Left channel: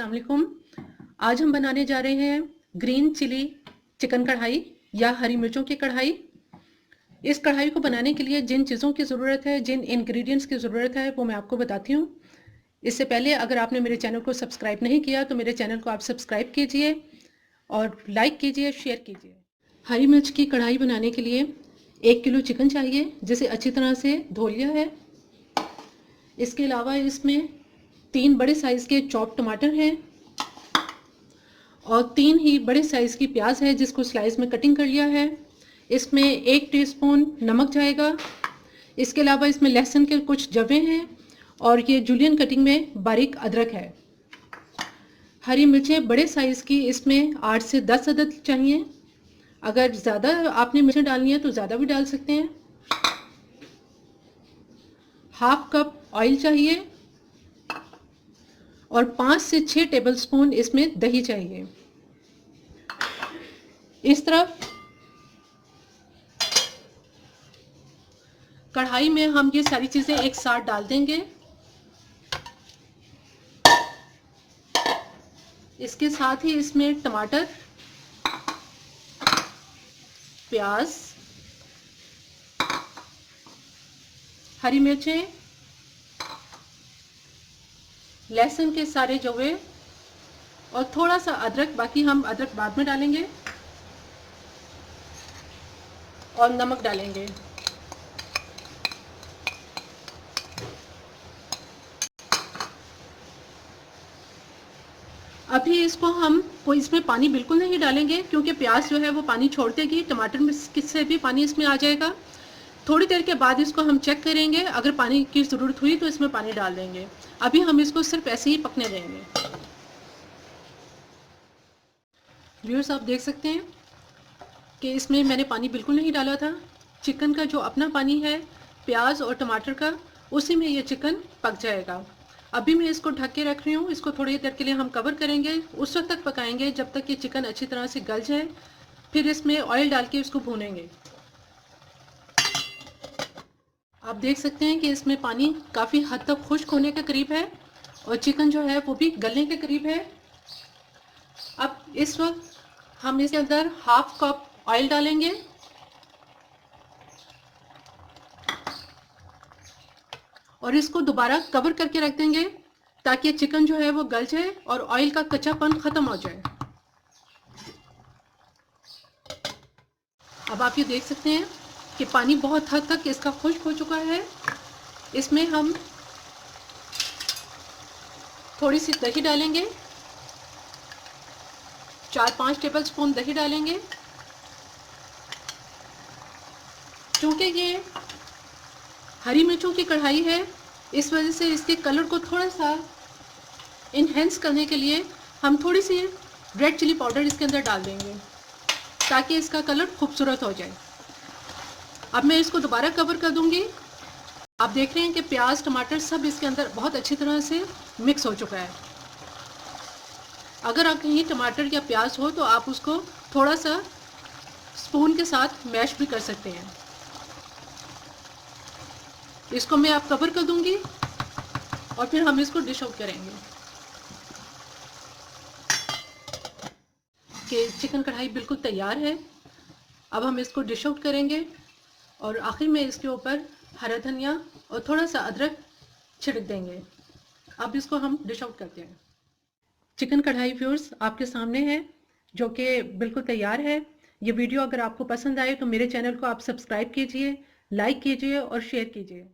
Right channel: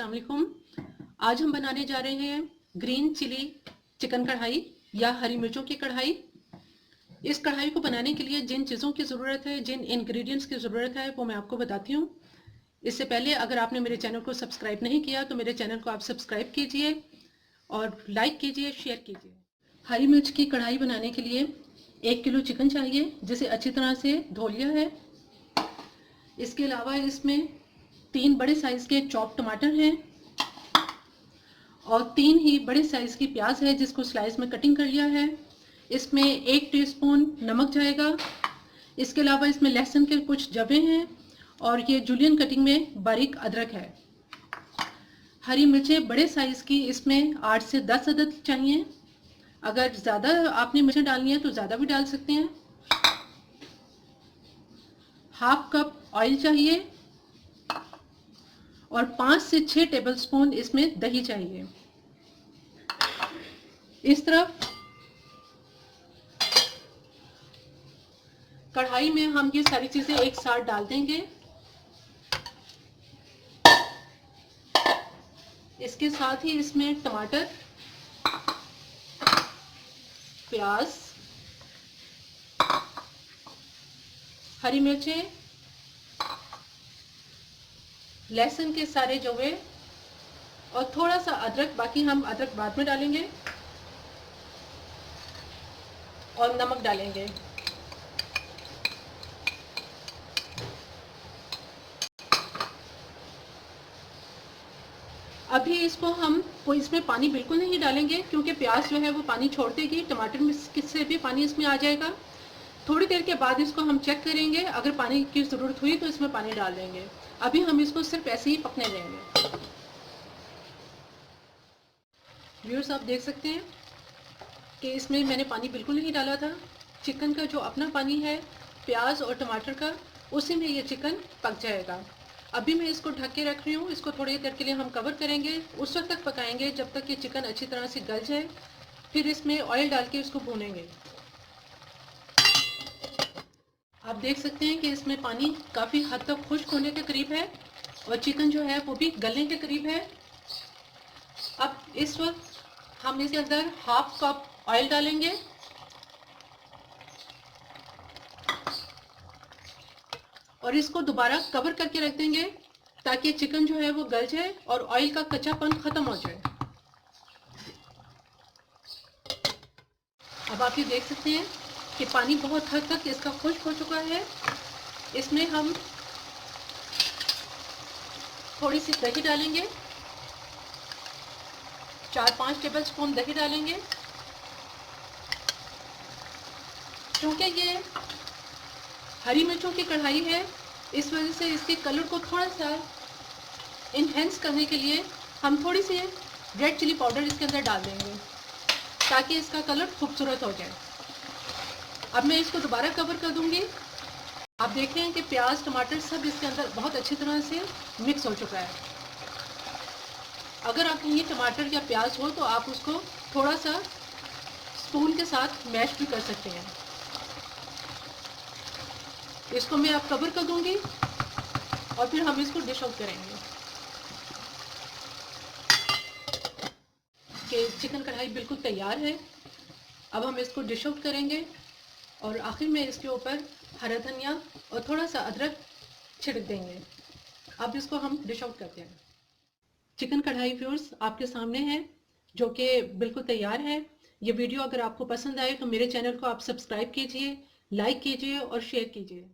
अस्सलाम वालेकुम। आज हम बनाने जा रहे हैं ग्रीन चिली चिकन कढ़ाई या हरी मिर्चों की कढ़ाई। इस कढ़ाई को बनाने के लिए जिन चीज़ों की ज़रूरत है, जिन इंग्रेडिएंट्स की ज़रूरत है, वो मैं आपको बताती हूँ। इससे पहले अगर आपने मेरे चैनल को सब्सक्राइब नहीं किया तो मेरे चैनल को आप सब्सक्राइब कीजिए और लाइक कीजिए, शेयर कीजिए। हरी मिर्च की कढ़ाई बनाने के लिए 1 किलो चिकन चाहिए, जिसे अच्छी तरह से धो लिया है। इसके अलावा इसमें 3 बड़े साइज़ के चॉप टमाटर हैं और 3 ही बड़े साइज़ की प्याज है जिसको स्लाइस में कटिंग कर लिया है। इसमें 1 टीस्पून नमक जाएगा। इसके अलावा इसमें लहसुन के कुछ जवे हैं और ये जूलियन कटिंग में बारीक अदरक है। हरी मिर्चें बड़े साइज़ की इसमें 8 से 10 अदद चाहिए। अगर ज़्यादा आपने मिर्चें डालनी है तो ज़्यादा भी डाल सकते हैं। हाफ कप ऑयल चाहिए और 5 से 6 टेबलस्पून इसमें दही चाहिए। इस तरफ कढ़ाई में हम ये सारी चीज़ें एक साथ डाल देंगे। इसके साथ ही इसमें टमाटर, प्याज, हरी मिर्चें, लहसुन के सारे जवे और थोड़ा सा अदरक, बाकी हम अदरक बाद में डालेंगे, और नमक डालेंगे। अभी इसको हम इसमें पानी बिल्कुल नहीं डालेंगे क्योंकि प्याज जो है वो पानी छोड़ देगी, टमाटर में किससे भी पानी इसमें आ जाएगा। थोड़ी देर के बाद इसको हम चेक करेंगे, अगर पानी की ज़रूरत हुई तो इसमें पानी डाल देंगे। अभी हम इसको सिर्फ ऐसे ही पकने देंगे। व्यूअर्स, आप देख सकते हैं कि इसमें मैंने पानी बिल्कुल नहीं डाला था। चिकन का जो अपना पानी है प्याज और टमाटर का, उसी में ये चिकन पक जाएगा। अभी मैं इसको ढक के रख रही हूँ। इसको थोड़ी देर के लिए हम कवर करेंगे, उस वक्त तक पकाएंगे जब तक कि चिकन अच्छी तरह से गल जाए। फिर इसमें ऑयल डाल के इसको भूनेंगे। आप देख सकते हैं कि इसमें पानी काफ़ी हद तक खुश्क होने के करीब है और चिकन जो है वो भी गलने के करीब है। अब इस वक्त हम इसके अंदर हाफ कप ऑयल डालेंगे और इसको दोबारा कवर करके रख देंगे ताकि चिकन जो है वो गल जाए और ऑयल का कच्चापन ख़त्म हो जाए। अब आप ये देख सकते हैं कि पानी बहुत हद तक इसका खुश्क हो चुका है। इसमें हम थोड़ी सी दही डालेंगे, 4-5 टेबलस्पून दही डालेंगे। क्योंकि ये हरी मिर्चों की कढ़ाई है, इस वजह से इसके कलर को थोड़ा सा इन्हेंस करने के लिए हम थोड़ी सी रेड चिली पाउडर इसके अंदर डाल देंगे ताकि इसका कलर खूबसूरत हो जाए। अब मैं इसको दोबारा कवर कर दूंगी। आप देख रहे हैं कि प्याज टमाटर सब इसके अंदर बहुत अच्छी तरह से मिक्स हो चुका है। अगर आप कहीं टमाटर या प्याज हो तो आप उसको थोड़ा सा स्पून के साथ मैश भी कर सकते हैं। इसको मैं अब कवर कर दूंगी और फिर हम इसको डिश आउट करेंगे। कि चिकन कढ़ाई बिल्कुल तैयार है। अब हम इसको डिश आउट करेंगे और आखिर में इसके ऊपर हरा धनिया और थोड़ा सा अदरक छिड़क देंगे। अब इसको हम डिश आउट करते हैं। चिकन कढ़ाई व्यूअर्स आपके सामने है, जो कि बिल्कुल तैयार है। ये वीडियो अगर आपको पसंद आए तो मेरे चैनल को आप सब्सक्राइब कीजिए, लाइक कीजिए और शेयर कीजिए।